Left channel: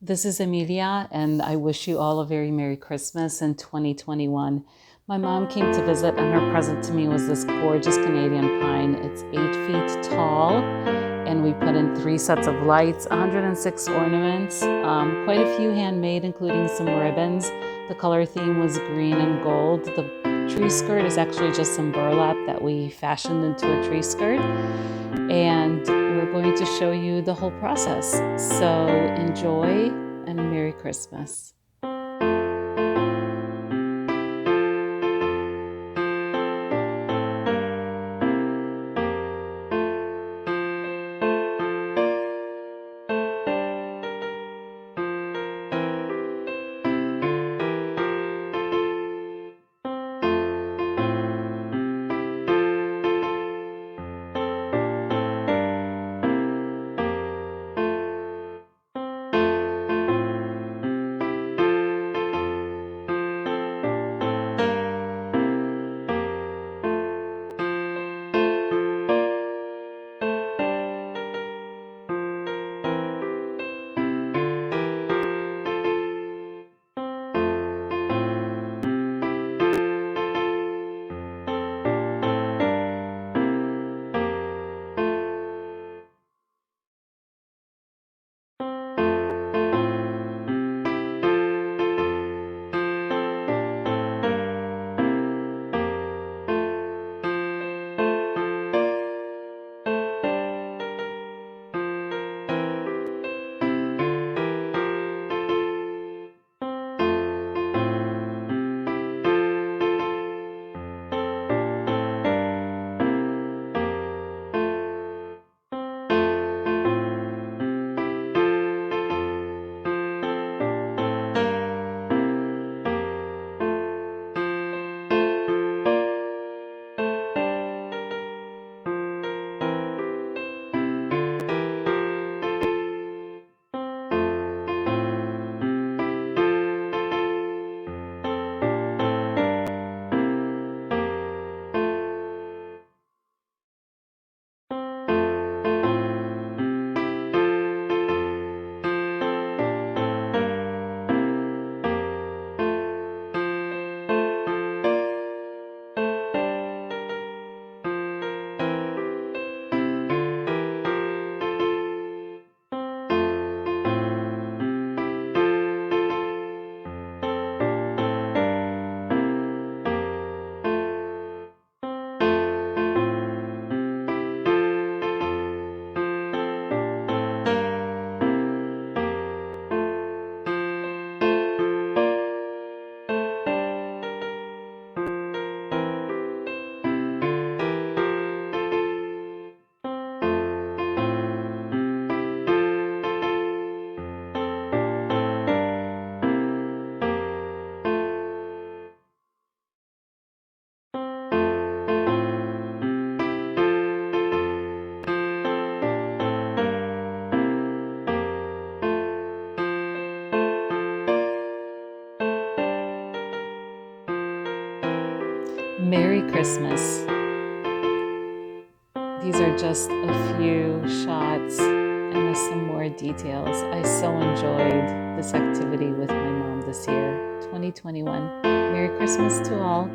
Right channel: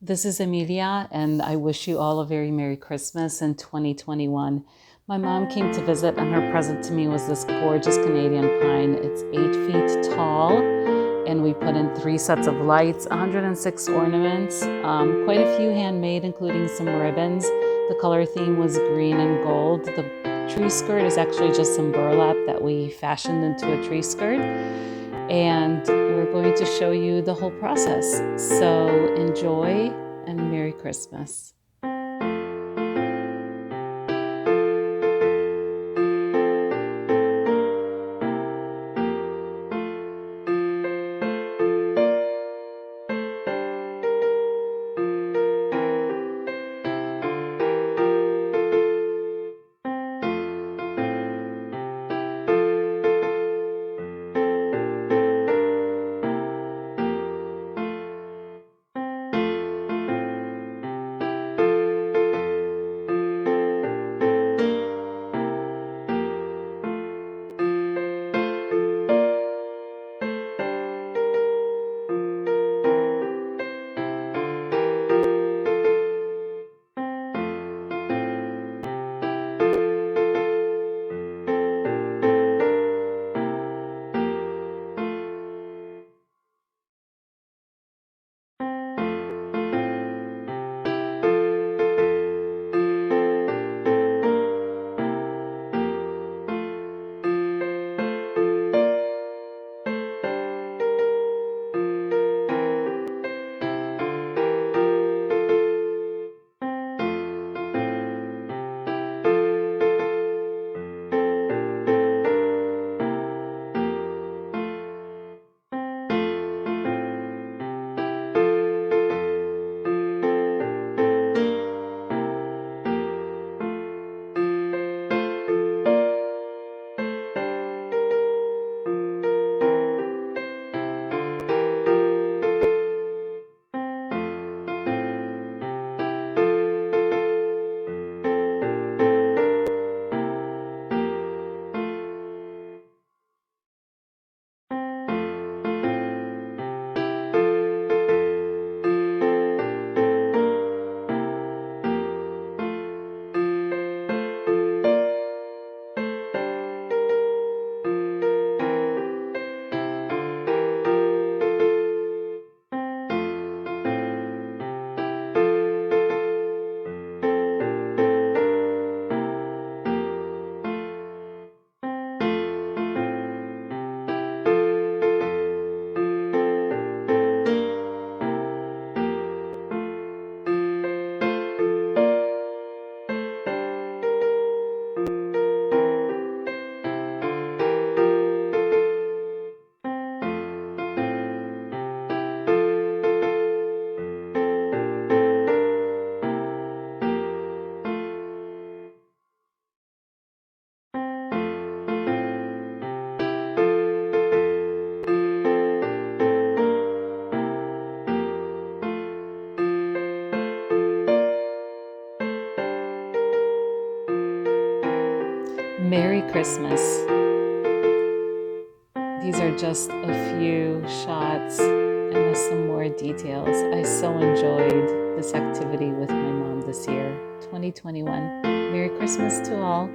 This is Amelia, and I wish you all a very Merry Christmas in 2021. My mom came to visit, and her present to me was this gorgeous Canadian pine. It's 8 feet tall, and we put in 3 sets of lights, 106 ornaments, quite a few handmade, including some ribbons. The color theme was green and gold. The tree skirt is actually just some burlap that we fashioned into a tree skirt, and we're going to show you the whole process. So enjoy and Merry Christmas. Merry Christmas. These are just a few shots and with some more details. I so enjoyed this activity with my mom this year, 2021. Merry Christmas to all.